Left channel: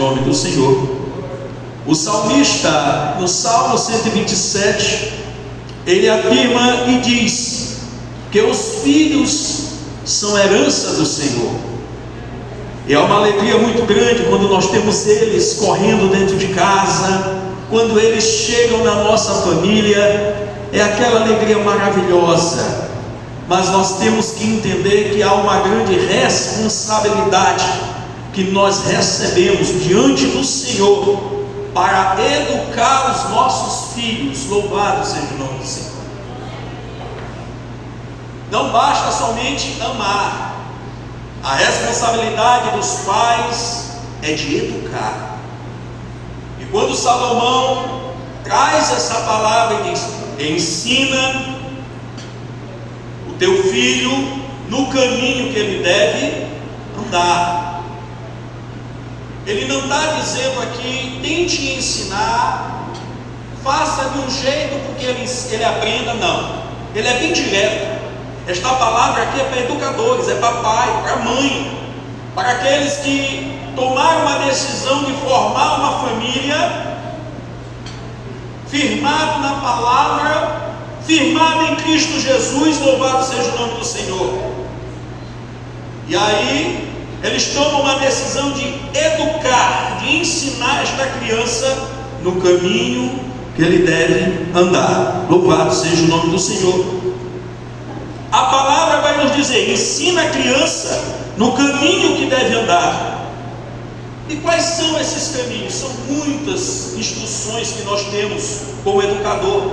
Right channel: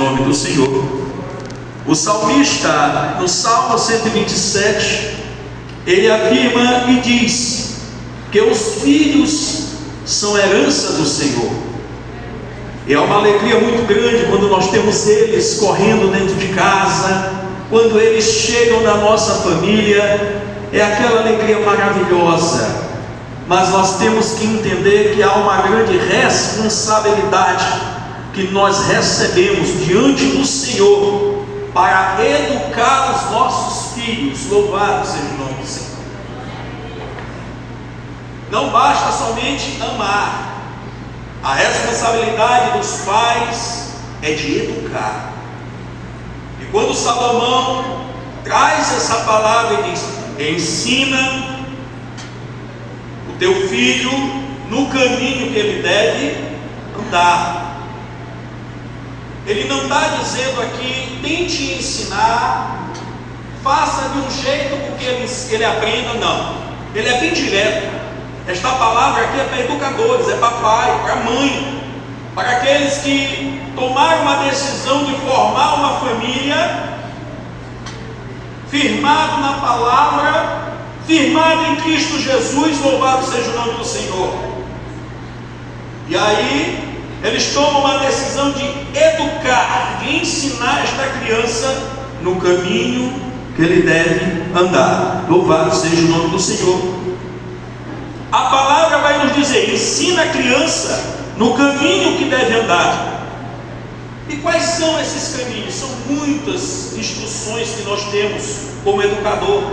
nome do Senhor. O salmista, no Salmo 127, ele afirma e diz que os filhos são herança do Senhor. E é uma alegria muito grande quando nós temos eles correndo dentro de casa, quando eles chegam na nossa família, é aquela alegria maravilhosa. Mas nós temos que entender que há uma grande responsabilidade que nós recebemos diante do Senhor para educar os nossos filhos. Louvado seja o nome do Senhor. Não basta somente amar, a responsabilidade dos pais é de educar. E quando Salomão traz essa palavra e diz: ensina o teu filho no caminho que ele deve andar. Ele não está dizendo aqui, tente ensinar, faça de um jeito porque ele aprenda, não. Ele é bem direto. Esta palavra aqui é para educadores, é para pai, para mãe, para aqueles que tomaram uma decisão de formar uma família, firmado na palavra, firmado em Cristo Jesus, louvado seja o nome do Senhor. E aí eles tomam uma decisão de educar, de ensinar esta criança no caminho que ele deve andar. Louvado seja o nome do Senhor. A palavra vai nos dizer: ensina a criança no caminho que deve andar. E quais são esses caminhos? São muitas instruções que nós temos como educador,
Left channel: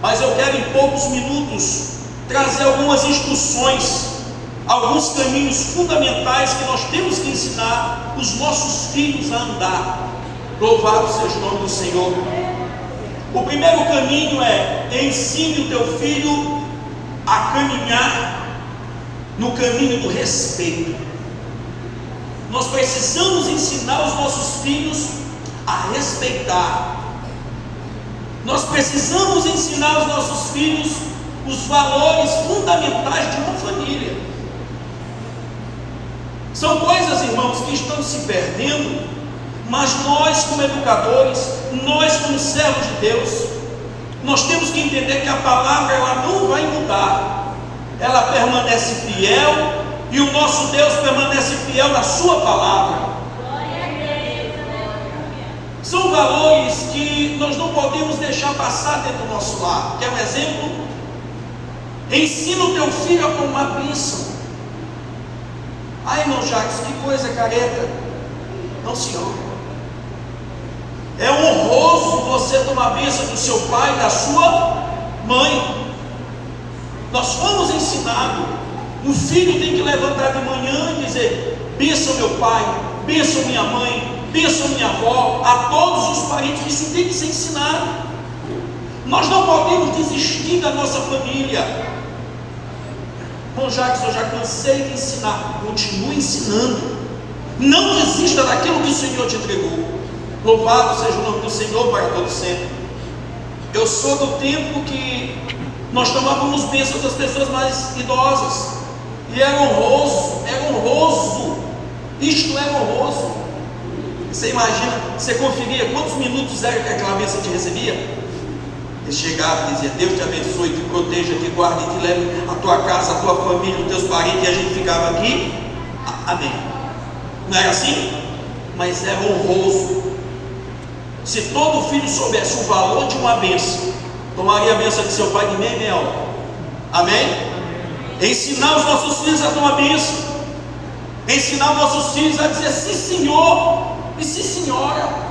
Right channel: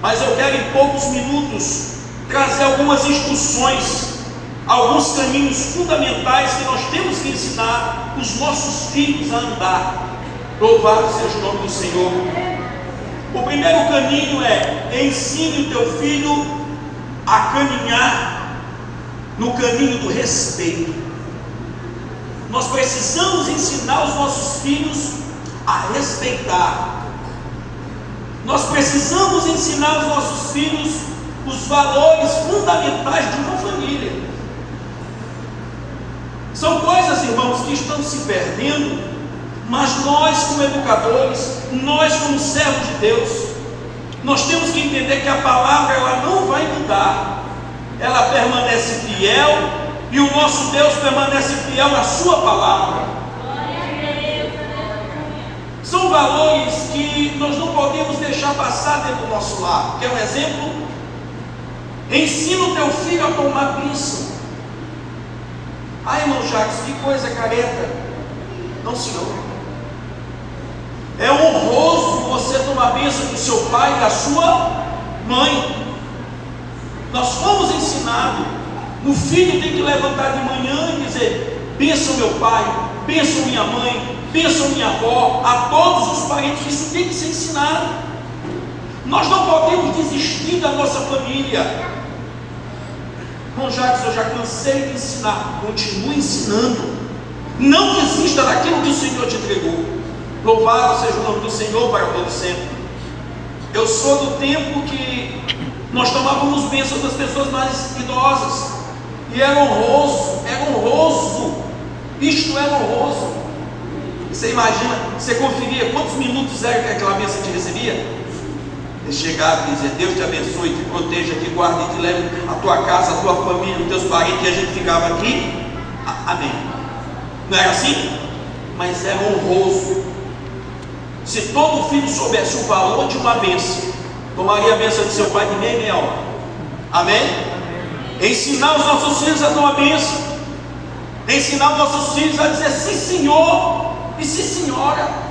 mas eu quero em poucos minutos trazer algumas instruções, alguns caminhos fundamentais que nós temos que ensinar os nossos filhos a andar. Louvado seja o nome do Senhor. O primeiro caminho é: ensine o teu filho a caminhar no caminho do respeito. Nós precisamos ensinar os nossos filhos a respeitar. Nós precisamos ensinar os nossos filhos os valores fundamentais de uma família. São coisas, irmãos, que estão se perdendo, mas nós como educadores, nós como servos de Deus, nós temos que entender que a palavra ela não vai mudar, ela permanece fiel, e o nosso Deus permanece fiel na sua palavra. São valores que nós não podemos deixar passar dentro do nosso lar. Quer um exemplo? Ensina o teu filho a tomar bênção. Ai, irmão Jacques, que coisa careta. Não, senhor. É honroso você tomar bênção do seu pai, da sua mãe. Nós fomos ensinados. O filho tem que levantar de manhã e dizer: bênção meu pai, bênção minha mãe, bênção minha avó, a todos os parentes. Isso tem que ser ensinado. Nós não podemos desistir da nossa família. Bom, Jacques, eu já cansei de ensinar. Continue ensinando. Não desista daquilo que o Senhor te entregou. Louvado seja o nome do Senhor para todo sempre. Eu sou do tempo que nós tomávamos bênçãos das pessoas mais idosas, e era honroso, isto era honroso. Você imagina, você conferia quantos minutos era que aquela bênção te recebia? Ele chegava e dizia: Deus te abençoe, te proteja, te guarde, te leve a tua casa, a tua família, os teus parentes, e a gente ficava aqui, amém. Não era assim? Mas era honroso. Se todo filho soubesse o valor de uma bênção, tomaria a bênção de seu pai de meia hora. Amém? Ensinar os nossos filhos a tomar bênção, ensinar os nossos filhos a dizer sim senhor e sim senhora.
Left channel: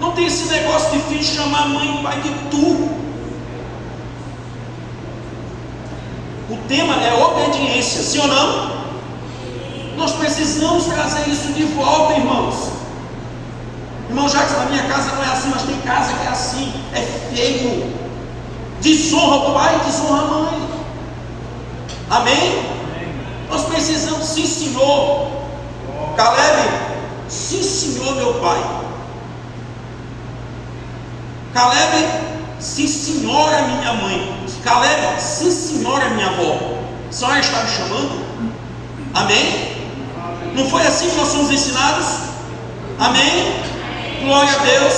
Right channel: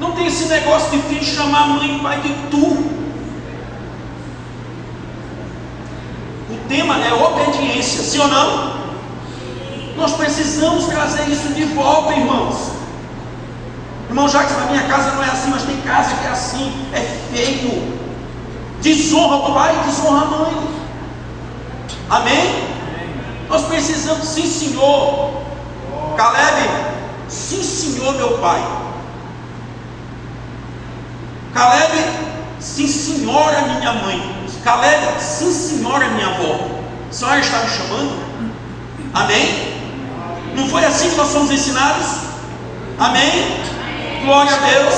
Não tem esse negócio de filho chamar mãe e pai de tu. O tema é obediência, sim ou não? Nós precisamos trazer isso de volta, irmãos. Irmão Jacques, na minha casa não é assim, mas tem casa que é assim, é feio. Desonra o pai, desonra a mãe. Amém? Nós precisamos, sim senhor. Caleb, sim senhor meu pai. Caleb, sim senhora minha mãe. Caleb, sim senhora minha avó. A senhora está me chamando? Amém? Não foi assim que nós somos ensinados? Amém? Glória a Deus.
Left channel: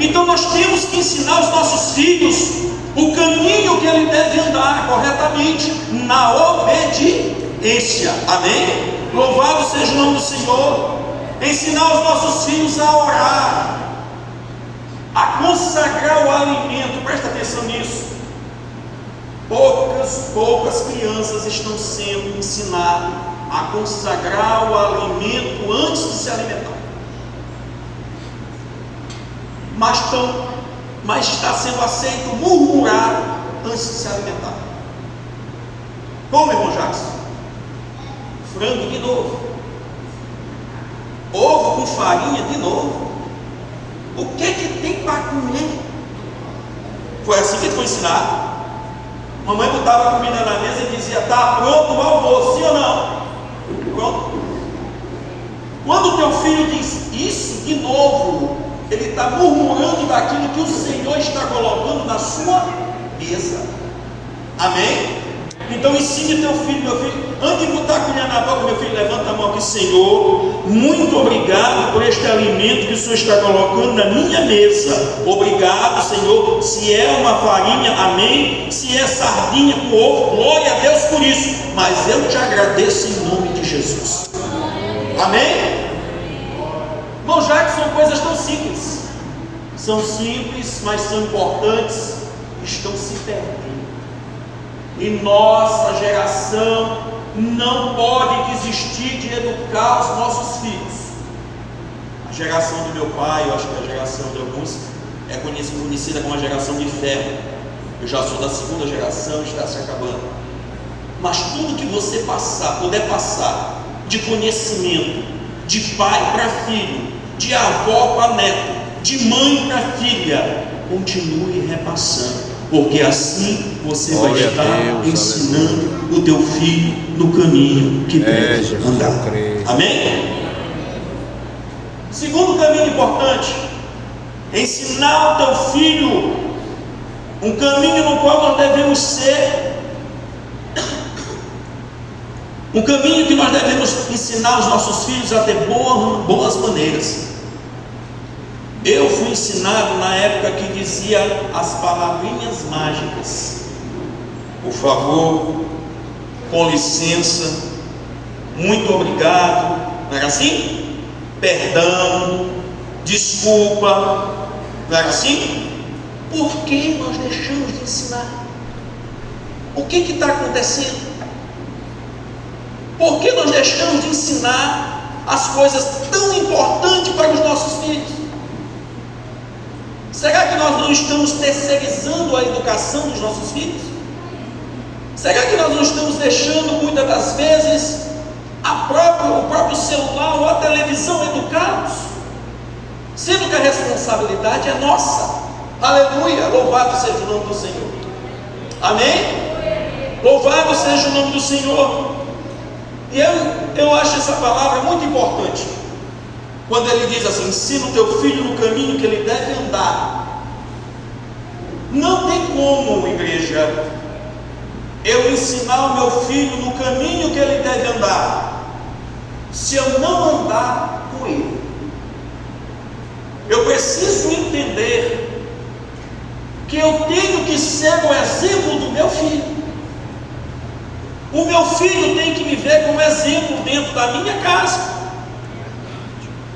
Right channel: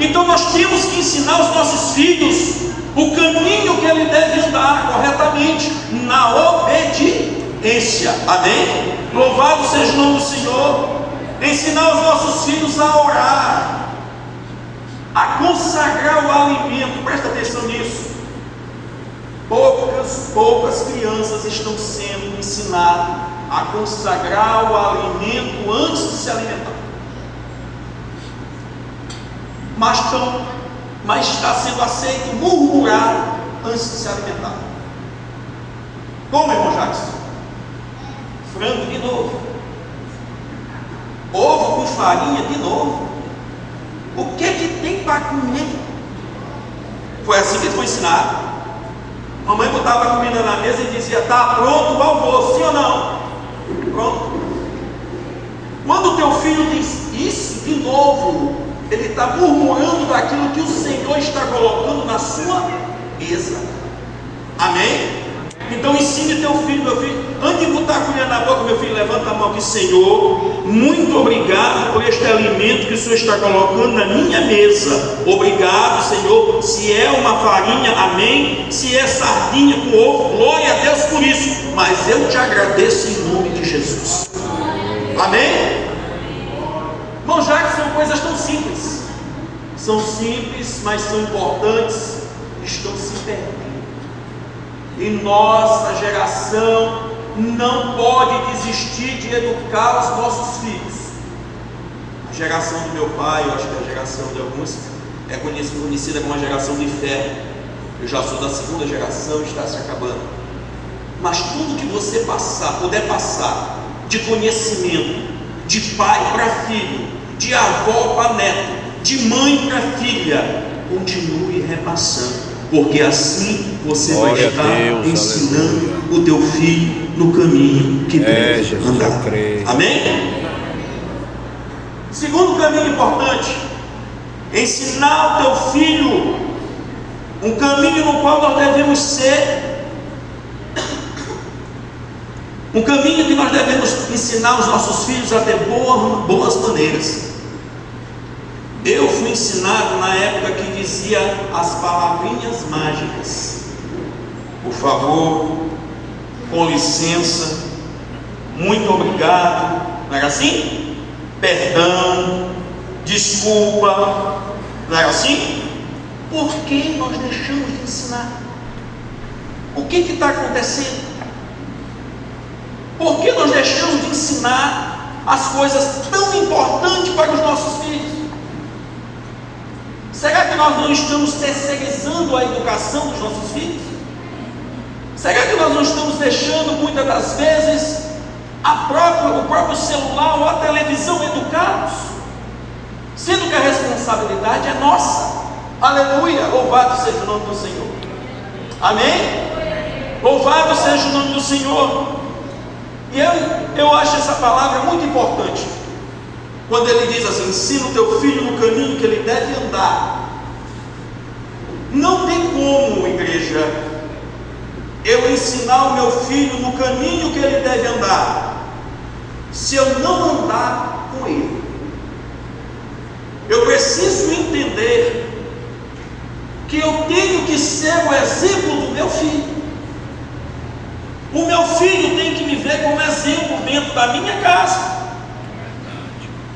Então nós temos que ensinar os nossos filhos o caminho que ele deve andar corretamente, na obediência. Amém? Louvado seja o nome do Senhor. Ensinar os nossos filhos a orar, a consagrar o alimento. Presta atenção nisso. Poucas crianças estão sendo ensinadas a consagrar o alimento antes de se alimentar. Mas está sendo aceito murmurar antes de se alimentar. Como, irmão Jackson? Frango de novo, ovo com farinha de novo. O que tem para comer? Foi assim que ele foi ensinado. Mamãe botava a comida na mesa e dizia: está pronto o almoço, sim ou não? Pronto. Quando o teu filho diz isso de novo, ele está murmurando daquilo que o Senhor está colocando na sua mesa. Amém? Então ensine teu filho, meu filho, antes de botar a colher na boca, meu filho, levanta a mão aqui: Senhor, muito obrigado por este alimento que o Senhor está colocando na minha mesa. Obrigado, Senhor. Se é uma farinha, amém. Se é sardinha com ovo, glória a Deus por isso. Mas eu te agradeço em nome de Jesus. Amém? Irmão, já que são coisas tão simples, são simples, mas são importantes, estão se perdendo. E nossa geração não pode desistir de educar os nossos filhos. A geração do meu pai, eu acho que a geração de alguns é conhecida como a geração de ferro. Eu já sou da segunda geração, está se acabando. Mas tudo que você puder passar de conhecimento, de pai para filho, de avó para neto, de mãe para filha, continue repassando, porque assim você vai estar ensinando o teu filho no caminho que deve andar. Amém? Segundo caminho importante, ensinar o teu filho um caminho no qual nós devemos ser, um caminho que nós devemos ensinar os nossos filhos a ter boas maneiras. Eu fui ensinado na época que dizia as palavrinhas mágicas: por favor, com licença, muito obrigado. Não era assim? Perdão, desculpa. Não era assim? Por que nós deixamos de ensinar? O que está acontecendo? Por que nós deixamos de ensinar as coisas tão importantes para os nossos filhos? Será que nós não estamos terceirizando a educação dos nossos filhos? Será que nós não estamos deixando muitas das vezes o próprio celular ou a televisão educá-los? Sendo que a responsabilidade é nossa. Aleluia, louvado seja o nome do Senhor. Amém? Louvado seja o nome do Senhor. E eu acho essa palavra muito importante, quando ele diz assim: ensina o teu filho no caminho que ele deve andar. Não tem como, igreja, eu ensinar o meu filho no caminho que ele deve andar, se eu não andar com ele. Eu preciso entender que eu tenho que ser o exemplo do meu filho. O meu filho tem que me ver como exemplo dentro da minha casa.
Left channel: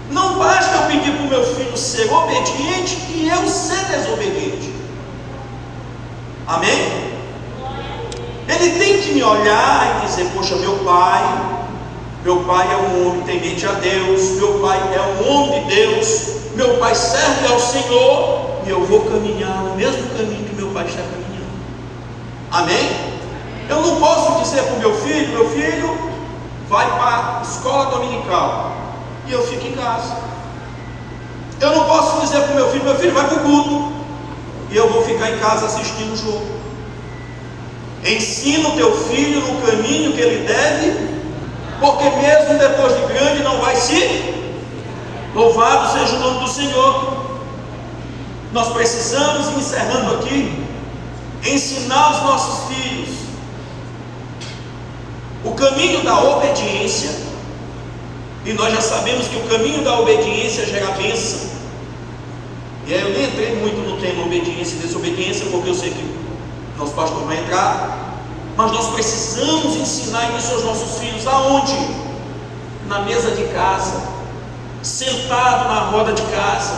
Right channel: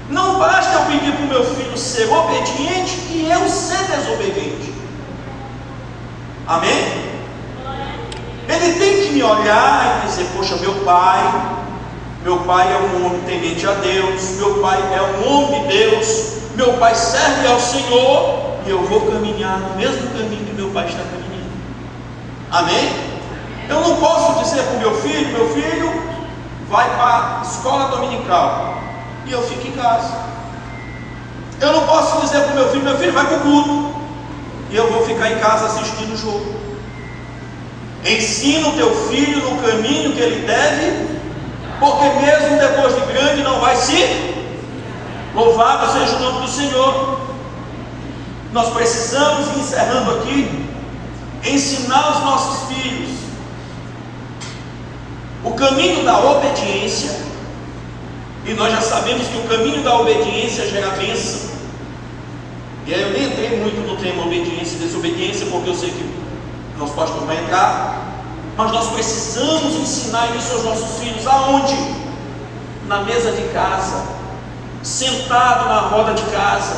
Não basta eu pedir para o meu filho ser obediente e eu ser desobediente. Amém? Ele tem que me olhar e dizer: poxa, meu pai é um homem temente a Deus, meu pai é um homem de Deus, meu pai serve ao Senhor, e eu vou caminhar no mesmo caminho que meu pai está caminhando. Amém? Eu não posso dizer para o meu filho vai para a escola dominical e eu fico em casa. Eu não posso dizer para o meu filho vai para o culto e eu vou ficar em casa assistindo o jogo. Ensina o teu filho no caminho que ele deve, porque mesmo depois de grande não vai se. Louvado seja o nome do Senhor. Nós precisamos, encerrando aqui, ensinar os nossos filhos o caminho da obediência, E nós já sabemos que o caminho da obediência gera bênção. E aí eu nem entrei muito no tema obediência e desobediência, porque eu sei que nosso pastor vai entrar. Mas nós precisamos ensinar isso aos nossos filhos. Aonde? Na mesa de casa, sentado na roda de casa,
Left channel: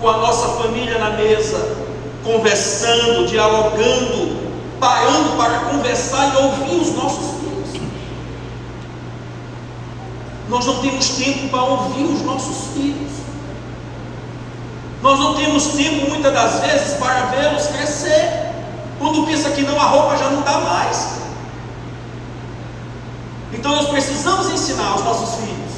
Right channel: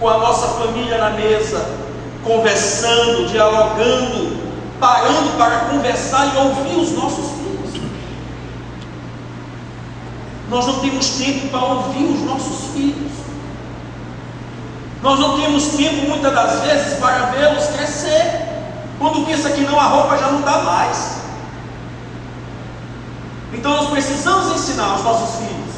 com a nossa família na mesa, conversando, dialogando, parando para conversar e ouvir os nossos filhos. Nós não temos tempo para ouvir os nossos filhos. Nós não temos tempo muitas das vezes para vê-los crescer. Quando pensa que não, a roupa já não dá mais. Então nós precisamos ensinar aos nossos filhos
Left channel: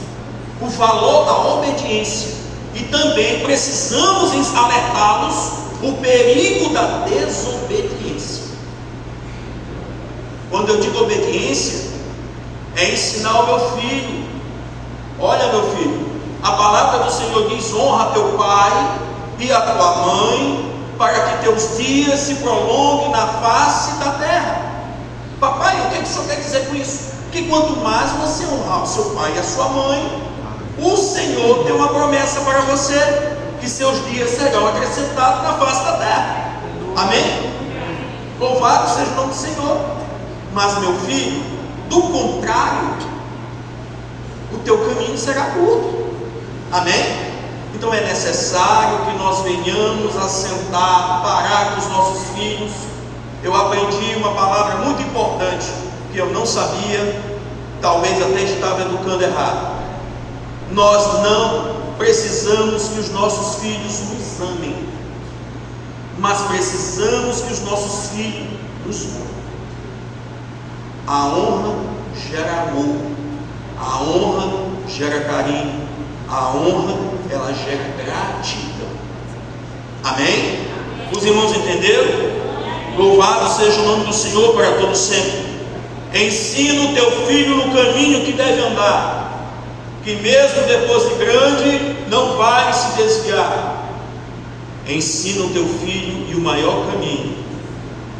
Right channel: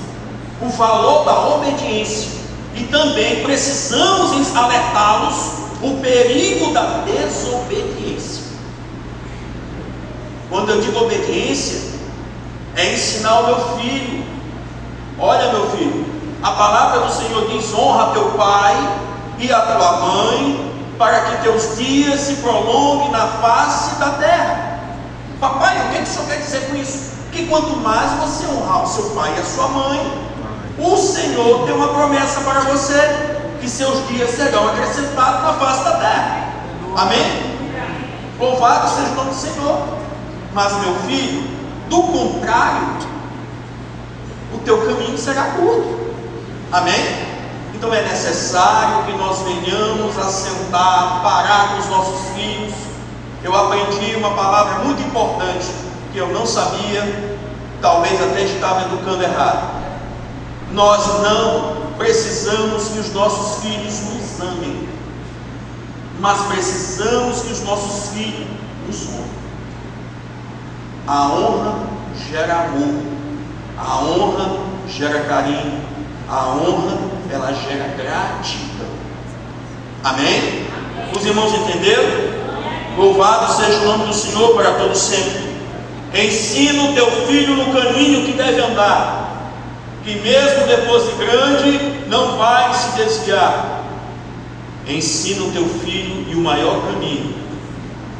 o valor da obediência, e também precisamos alertá-los o perigo da desobediência. Quando eu digo obediência, é ensinar o meu filho: olha, meu filho, a palavra do Senhor diz: honra teu pai e a tua mãe, para que teus dias se prolonguem na face da terra. Papai, o que o senhor quer dizer com isso? Que quanto mais você honrar o seu pai e a sua mãe, o Senhor tem uma promessa para você, que seus dias serão acrescentados na face da terra. Amém? Louvado seja o nome do Senhor. Mas, meu filho, do contrário, o teu caminho será curto. Amém? Então é necessário que nós venhamos a sentar, parar com os nossos filhos. Eu aprendi uma palavra muito importante que eu não sabia, talvez até estava educando errado. Nós não precisamos que os nossos filhos nos amem, mas precisamos que os nossos filhos nos honrem. A honra gera amor, a honra gera carinho, a honra, ela gera gratidão. Amém? Os irmãos entenderam? Louvado seja o nome do Senhor para todos sempre. Ensina o teu filho no caminho que deve andar, que mesmo depois de grande não vai se desviar. Ensina o teu filho, e o maior caminho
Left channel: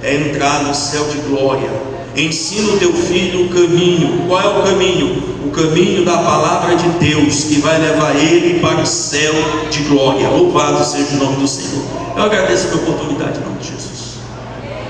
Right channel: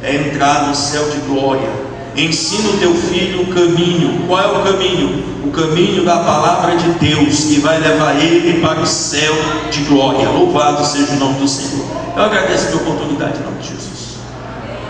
é entrar no céu de glória. Ensina o teu filho o caminho. Qual é o caminho? O caminho da palavra de Deus, que vai levar ele para o céu de glória. Louvado seja o nome do Senhor. Eu agradeço a oportunidade, em nome de Jesus.